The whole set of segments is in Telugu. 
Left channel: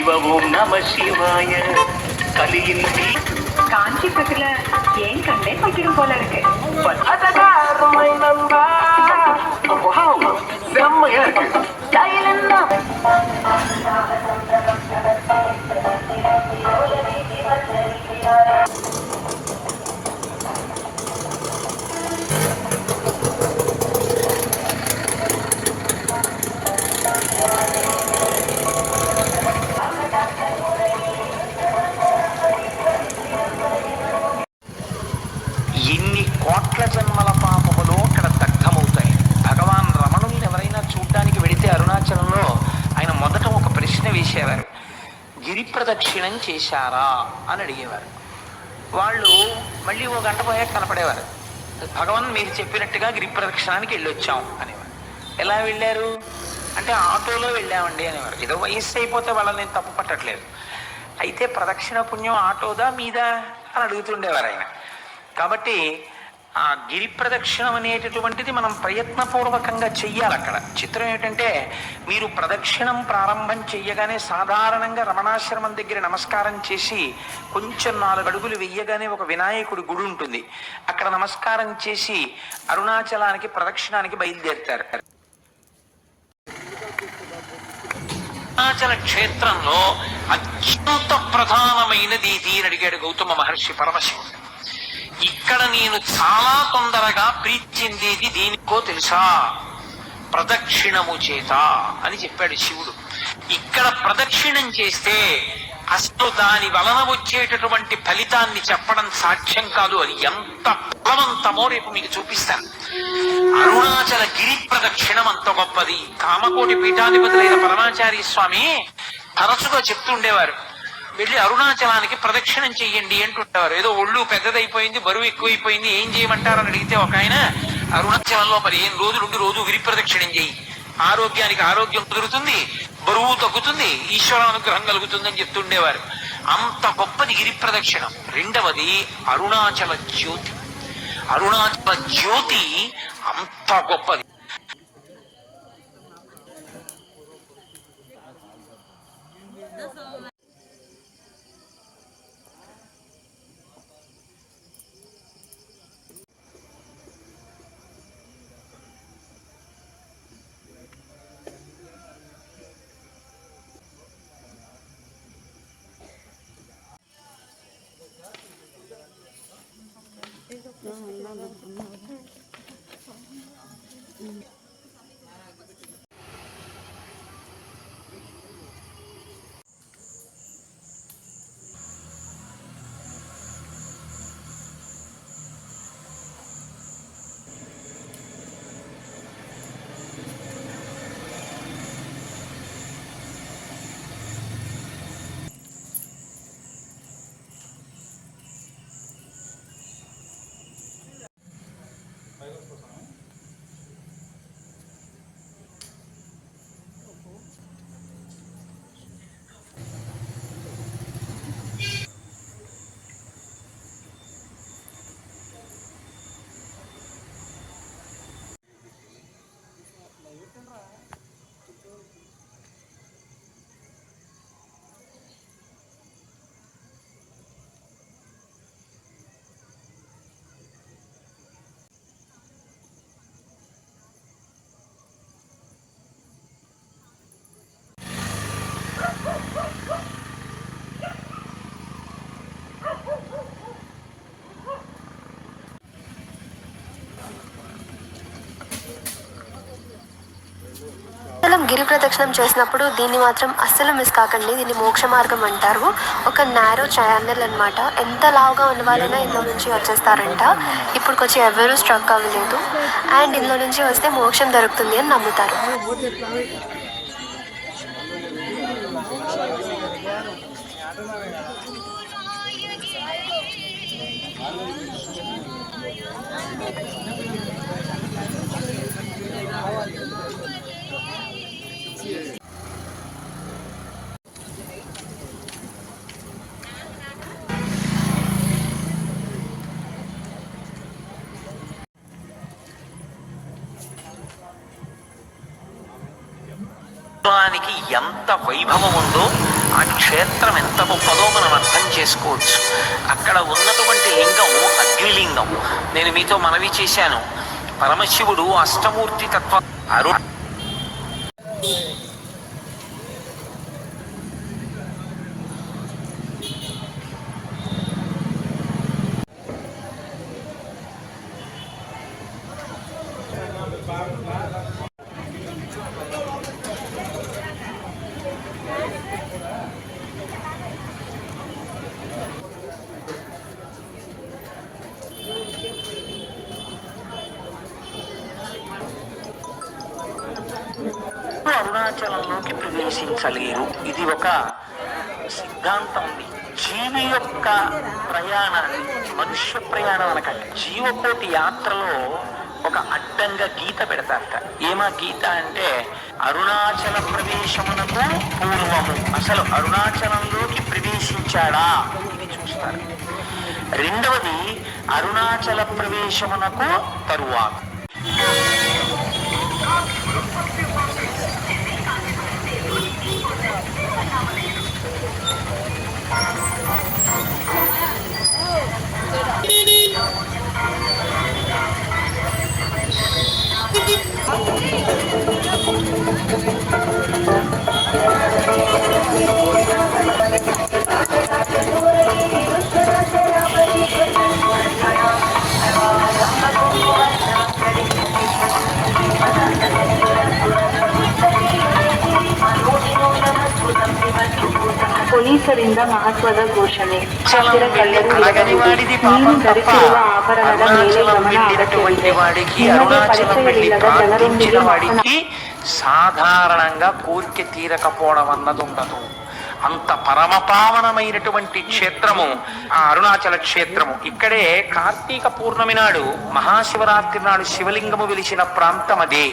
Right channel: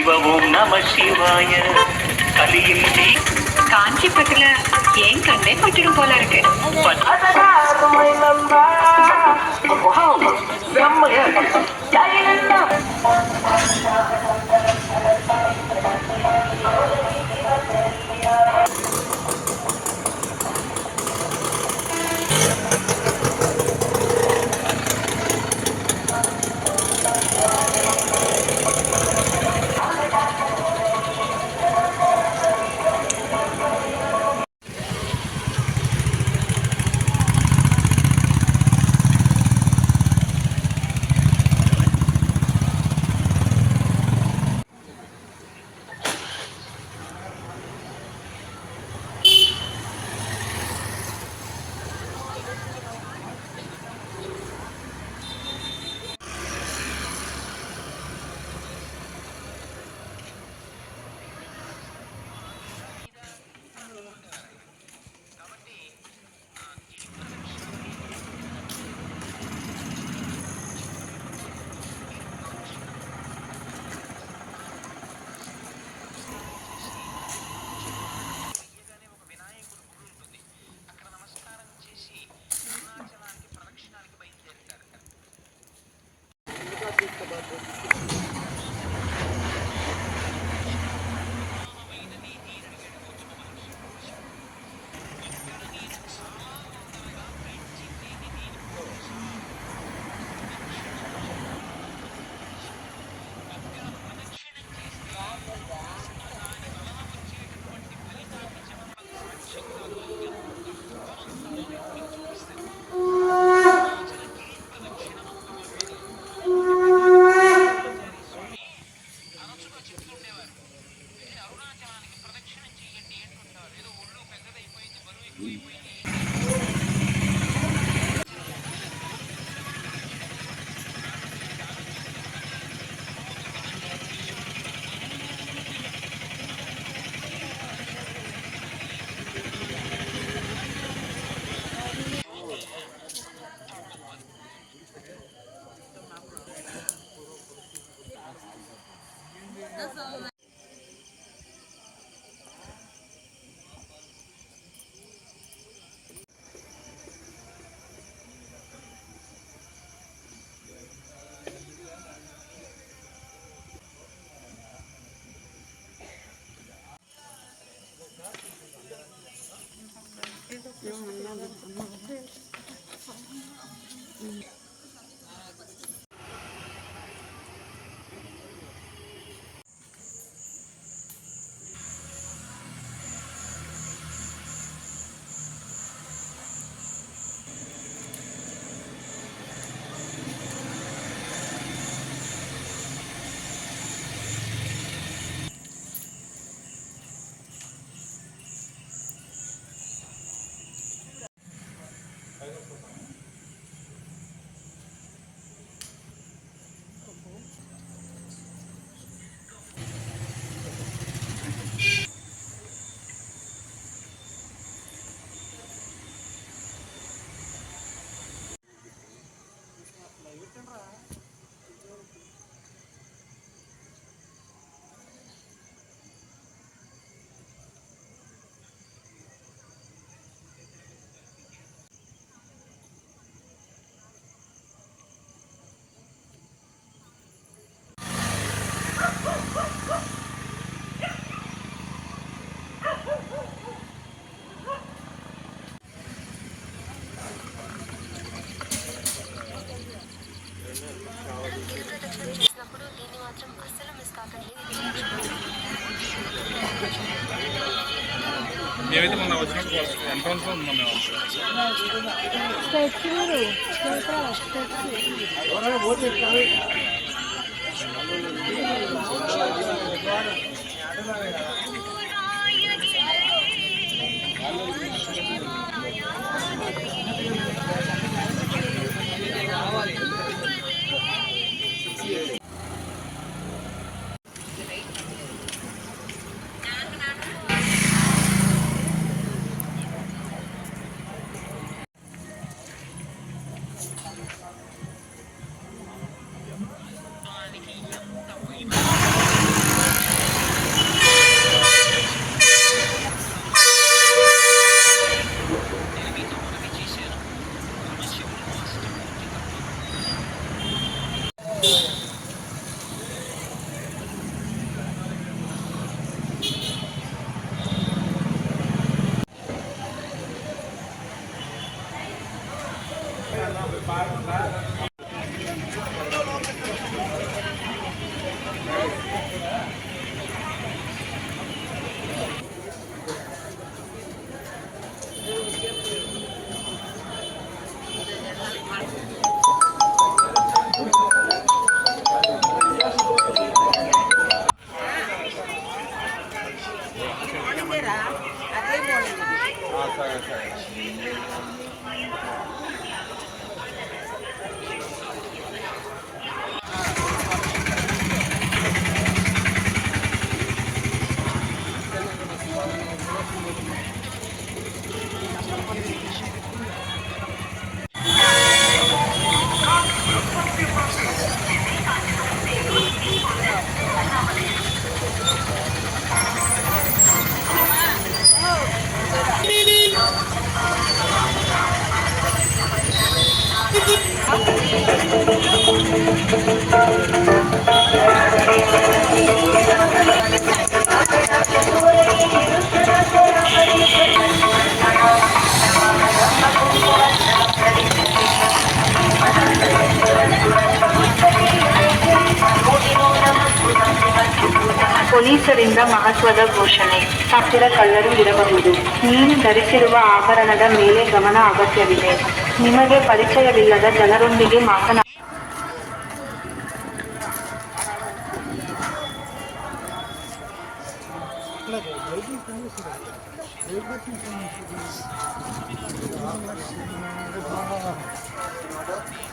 శివ ఓం నమ శివాయ కలిగింది காஞ்சி பக்கத்துல ஏன் கண்டே பட்டிடும் போல இருக்கு. ప్రదక్షిణం చేశారా అని అడిగేవారు. వాళ్ళు మళ్ళీ ఓ గంట పోయాక కనపడేవారు. భగవాన్ మీరు చెప్పినట్టుగా గిరి ప్రదక్షిణానికి వెళ్ళొచ్చాం అనేవారు. ఎలా వెళ్ళారు అంటే ఆటోలో వెళ్ళామండి అనేవారు. ఏదో వయస్సు అయిపోతే వాళ్ళని తప్పు పట్టట్లేదు. అయితే ప్రదక్షిణ పుణ్యం ఆటోదా మీదా అని అడుగుతుండేవారు ఆయన. కాబట్టి ఆ గిరి ప్రదక్షిణం అనేటటువంటిది మనం ప్రయత్నపూర్వకంగా చెయ్యాలి. అక్కడ చిత్రం ఏంటంటే మీరు ప్రదక్షిణం ప్రారంభం చెయ్యగానే సాధారణంగా రమణాశ్రమం దగ్గర నమస్కారం చేసి కొంచెం 4 అడుగులు వెయ్యగానే ఒక వినాయకుడి గుడి ఉంటుంది. అక్కడ నమస్కారం చేసి అరుణాచలానికి ప్రదక్షిణానికి బయలుదేరుతారు. అరుణాచల క్షేత్రంలో అత్యంత ప్రధానమైనది ఇది అని అడిగాడు గౌతమ మహర్షి పరమశివుడు. ఇక్కడ నేను చాలా తొందరగా ప్రీతి చెందేది దేనికో తెలుసా? ప్రదక్షిణము చేత అని చెప్పాడు శివుడు. ఇక్కడ ప్రదక్షిణం చేస్తే అసలు దాని వలన వచ్చేటటువంటి ఫలితాన్ని చెప్పడం సాధ్యం కాదు. అది ఎంత బలవంతమో రేపు మీకు చూపిస్తాను. అరుణాచల గిరి ప్రదక్షిణం అంత గొప్పది. కామకోటి పీఠాధిపతులైన పరమాచార్య స్వామి తరచుగా చెప్తుండేవారు, వెళ్ళి అరుణాచలానికి ప్రదక్షిణం చెయ్యండి అంటుంటారు. ఏదో ఒళ్ళు పెద్దదైపోయింది, బరువు ఎక్కువైపోయింది, ఏం చేయమంటారని అడిగితే ఒక ఆయన అరుణాచలంలో 15 రోజులుండి రోజు గిరి ప్రదక్షిణం చెయ్యి, ఆరోగ్యానికి ఆరోగ్యం కుదురుతుంది, బరువు తగ్గుతుంది, ఈశ్వర అనుగ్రహం కలుగుతుందని చెప్తుండేవారు. అంత గొప్పది గిరి ప్రదక్షిణం. రెండవది అరుణాచల జ్యోతి. అరుణాచల జ్యోతి అంత గొప్పది. గిరి ప్రదక్షిణం చేసినప్పుడు దీన్ని మాత్రం అస్సలు మిస్ కాకండి. దీన్ని మోక్ష మార్గం అంటారు. ఒక నారో ఛానల్ అనమాట. ఎంత లావుగా ఉన్న వాళ్ళైనా ఇందులో నుంచి వచ్చేస్తారంట. ఇప్పుడుకొచ్చి ఎవరూ స్ట్రక్ అవ్వలేదు. అండ్ ఇందులో నుంచి వస్తే మోక్షం దొరుకుతుంది అని నమ్ముతారు. ఎంత వైభవం ఉందో ఆ క్షేత్రం ఎంత గొప్పదో మనం అర్థం చేసుకోవచ్చు. అక్కడ ఉన్నటువంటి లింగం అగ్నిలింగం. నేను మీతో మనవి చేశాను, పరమశివుడు అష్టమూర్తి తత్వ అరుణాచలంలోకి ప్రవేశించలేరు. ఇది ఒక సిద్ధాంతం. జీవి యొక్క ప్రయాణం, మనుష్య ప్రయాణం అనకండి, జీవకోటి యాత్రలో ఒక అడ్డంగా గీత పెడతారట. ఏమా గీత అంటే అరుణాచల ప్రవేశమునకు పూర్వము, అసలు అరుణాచలంలోకి ప్రవేశించాడా చూస్తారు. రెండవది అరుణాచల ప్రవేశమునకు తరువాత. ಪೊಲೀಸರಿಂದ ಮಹತ್ವದ ಘೋಷಣೆ. ಹಸಿರ ಕಳ್ಳರು ಇರಬಹುದು. ನೀವು ಧರಿಸಿರುವ ಆಭರಣದ ಮೇಲೆ ಗಮನ ಅಗತ್ಯವಿದೆ. ನಿಮಗೆ ಪರಿಚಯವಿಲ್ಲದ ಜನರೊಂದಿಗೆ ಮಾತನಾಡಿ. సాధారణంగా కోరిక తీరకపోవడం అన్నది ఉండదు. అంత పరమపావనమైనటువంటి క్షేత్రము ఆ అరుణాచల క్షేత్రము. ఇక్కడే కార్తీక పూర్ణమి నాడు, మహాశివరాత్రి నాడు శివలింగము వెలిసిన ప్రాంతం అదే.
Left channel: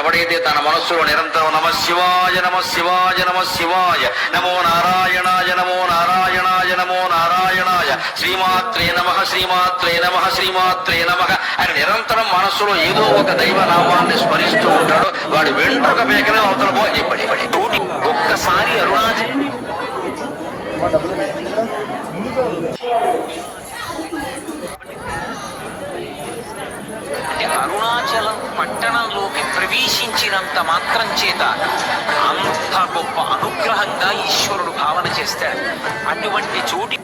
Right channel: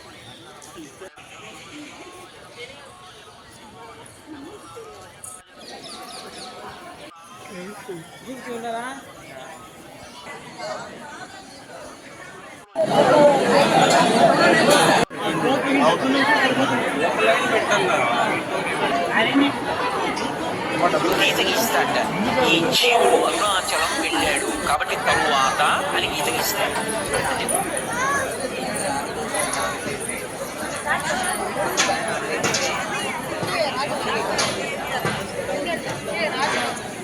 ఎవడైతే తన మనస్సులో నిరంతరం నమ శివాయ నమ శివాయ నమ శివాయ, నమో నారాయణాయ నమో నారాయణాయ నమో నారాయణాయ, శ్రీమాత్రే నమః శ్రీమాత్రే నమః శ్రీమాత్రే నమః అని నిరంతరం మనస్సులో ఏదో ఒక దైవ నామాన్ని స్మరిస్తూ ఉంటాడు. వాడు వెంట్రుక మేకన ఒక్కసారి ఈ జీవుడు అరుణాచలం వెళ్ళాడు కాబట్టి తరువాత అని గీతగిస్తాడు. అంటే అరుణాచలం పట్టణంలోకి ప్రవేశించినంత మాత్రం చేత అంత గొప్ప అనుగ్రహంగా ఈశ్వరుడు భావన చేస్తాడు. అటువంటి చోటి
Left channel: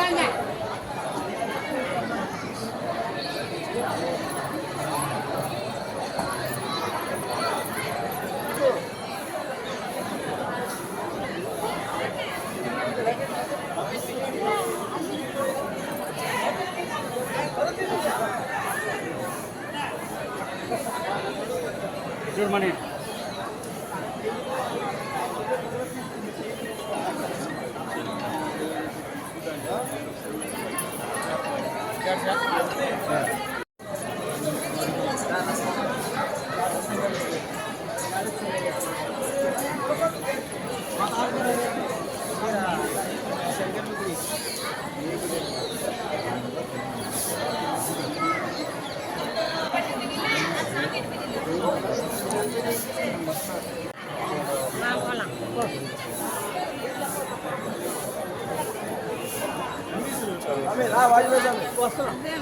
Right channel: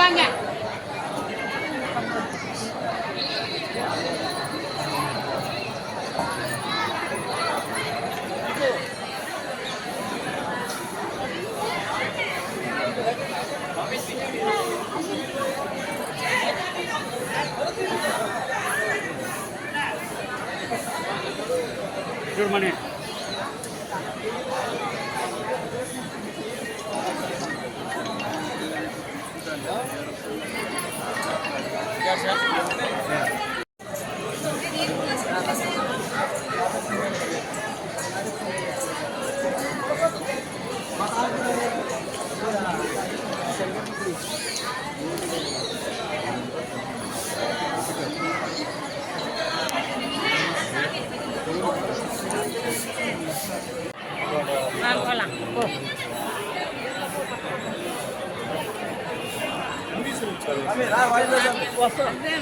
வாங்க. Good morning.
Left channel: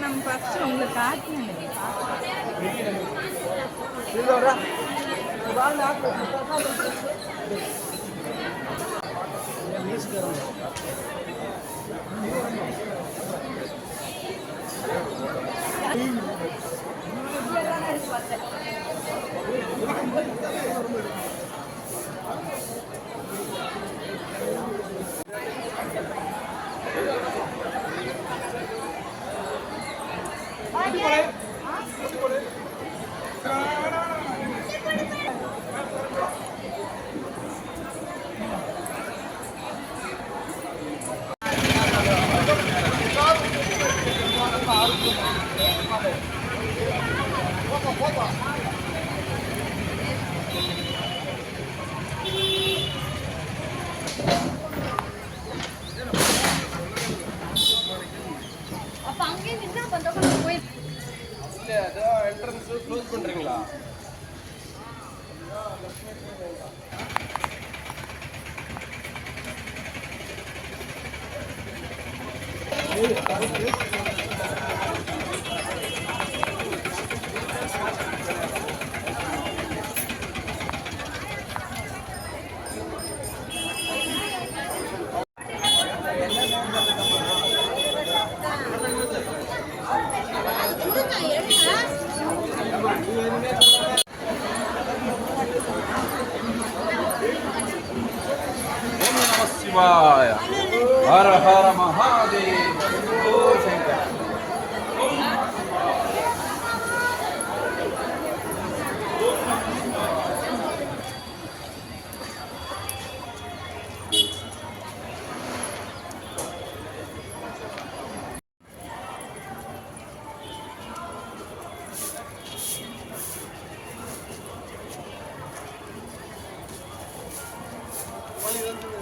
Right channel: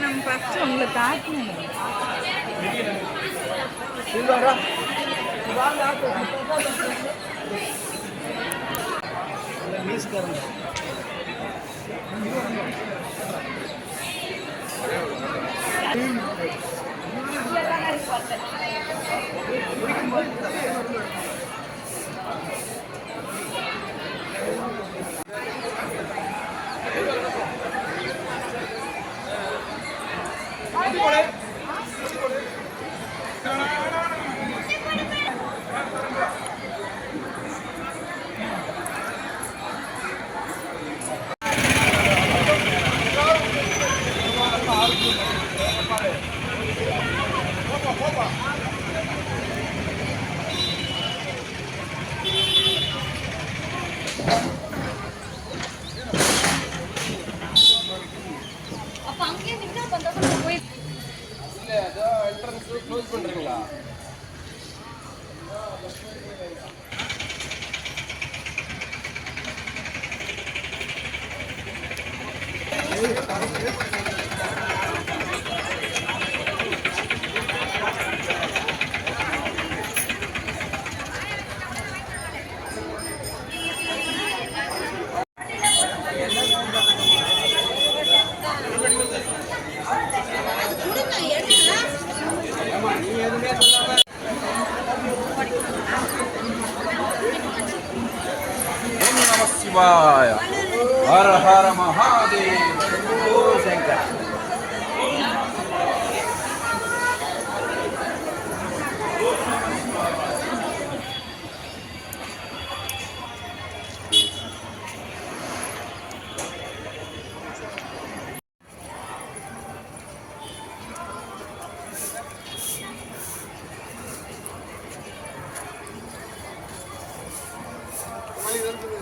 நம்ம ஃபர்ஸ்ட் உங்களை காட்டணும். அப்ப அங்கே நின்னா கொஞ்சம் போய் என்ட்ரன்ஸ் க்ளோஸ் பண்றீங்களா? శివాయ హర హర మహాదేవ శంభో శంకర. Gracias.